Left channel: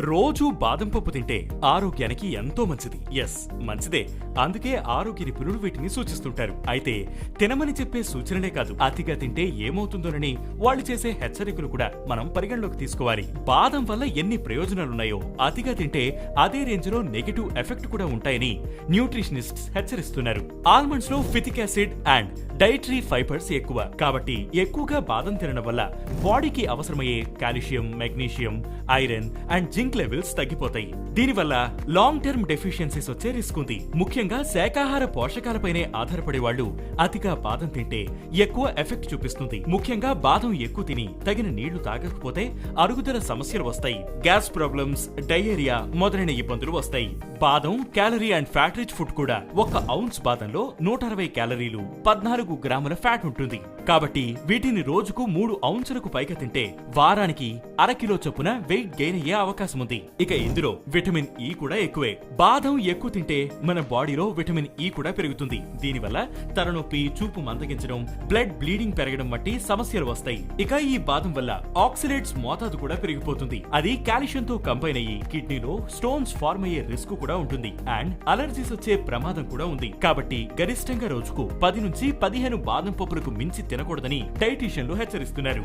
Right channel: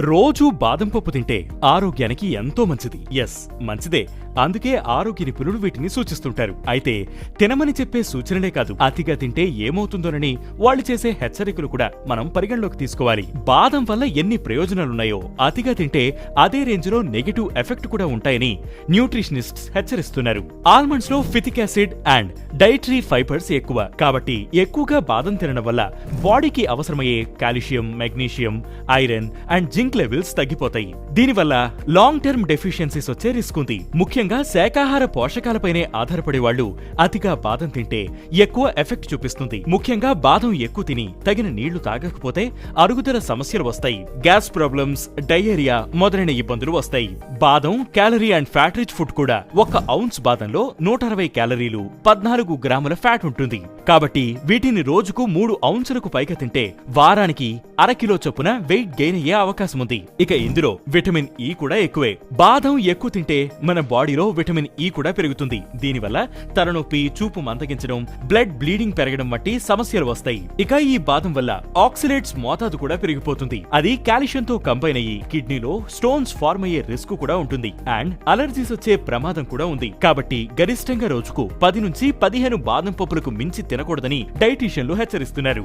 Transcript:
రోజూ బాదం పప్పు తింటే ఆరోగ్యానికి ఎంతో మంచిది. ఎస్ మంచిదే. అందుకే ఆరోగ్య నిపుణులు వీటిని సూచిస్తుంటారు. అయితే తినమని చెప్పే సూచనలే కాదు అతిగా తింటే ఏమవుతుందోనని వాళ్ళు చేసే హెచ్చరికలు కూడా మనం పరిగణలోకి తీసుకోవాలి. బాదం వల్ల ఎన్ని ప్రయోజనాలున్నాయో అతిగా తింటే అదే రేంజ్లో నెగిటివ్ ఎఫెక్ట్ కూడా ఉంటాయని న్యూట్రిషనిస్ట్స్ హెచ్చరిస్తున్నారు. ఆల్మండ్స్లో phytic acid and dietary fibres ఎక్కువ. కాబట్టి ఎక్కువగా బాదం తినడం వల్ల బాడీకి అవసరమయ్యే calcium magnesium iron and zinc levels తగ్గిపోతాయి. దీనివల్ల లాంగ్ టర్మ్ డెఫిషియన్సీస్ వచ్చే రిస్క్ ఉంది. ముఖ్యంగా శాకాహార పోషకాలపైనే ఆధారపడే వాళ్ళు అతిగా బాదం తింటే ఎక్కువ ఎఫెక్ట్ చూపిస్తుంది. ముఖ్యంగా బాదం ఎక్కువ తిని తగిన నీళ్ళు తాగకపోతే అరుగుదల సమస్యలు వస్తాయి. గ్యాస్ ప్రాబ్లమ్స్ డయేరియా మొదలైన ఇబ్బందులు వస్తాయి. బాదం calorie and fat rich food కూడా ఒక ఔన్స్ బాదంలో నూట అరవై క్యాలరీలు పద్నాలుగు గ్రాముల ఫ్యాట్ ఉంటుంది. కాబట్టి వీటిని రోజుకు మూడు ఔన్సులకు పైగా తింటే వారానికి అరకిలో చొప్పున వెయిట్ గెయిన్ అయ్యే అవకాశం ఉంది ఇక ఇందులో విటమిన్ ఈ కూడా ఎక్కువే. బాదం ఎక్కువ తింటే మన బాడీ బాడీలో విటమిన్ ఈ కూడా పెరుగుతుంది. దీనివల్ల తలనొప్పి చూపు మందగించడం బ్లడ్ బ్లీడింగ్ పెరగడం వంటి సమస్యలు వస్తాయి. ఇక ఈ బాదం వల్ల ఆక్సిలేట్స్ మోతాదు కూడా పెరిగిపోతుంది. అది కాల్షియం తో కంబైన్ అయ్యి కిడ్నీలో స్టోన్స్ ఫార్మ్ అయ్యే రిస్క్ కూడా ఉంటుంది. అండ్ అలర్జీస్ వచ్చే ప్రమాదం కూడా ఉంది. కాబట్టి గరిష్టంగా రోజుకు పది నుంచి పదిహేను బాదం పప్పులకు మించి తినకూడదని డైటీషియన్లు హెచ్చరిస్తున్నారు.